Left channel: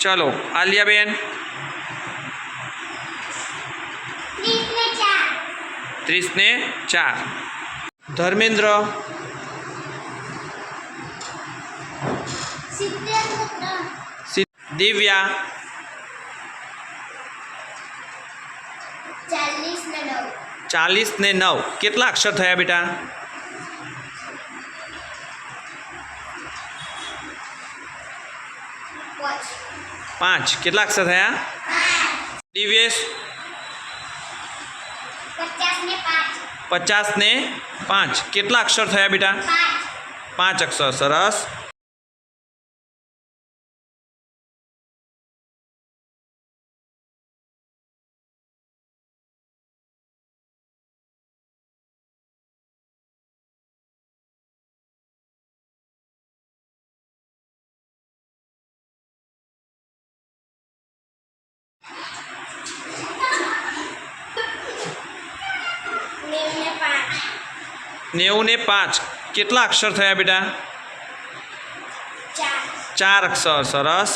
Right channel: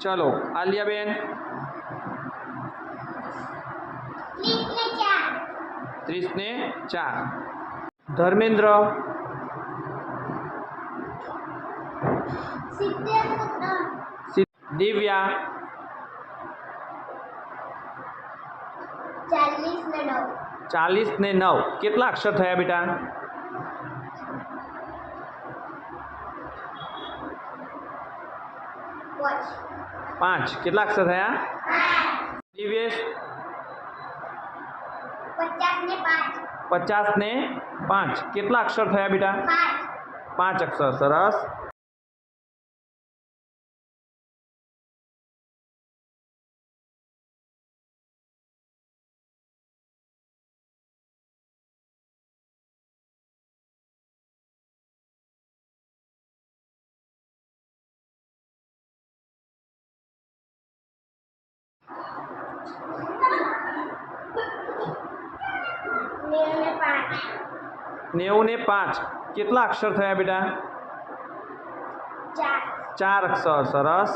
चलो आलियाबेन 30 ने 4 धर्मेंद्र दिव्या 40 ने 9 કેટલા અક્ષર થયા બેટા 5 કેટલા અક્ષર થયા દિવ્યેશ 50 ને 5 કેટલા અક્ષર થયા બેટા 5 અક્ષર સરસ नेवु ने 5 કેટલા અક્ષર થયા બેટા 4 અક્ષર સરસ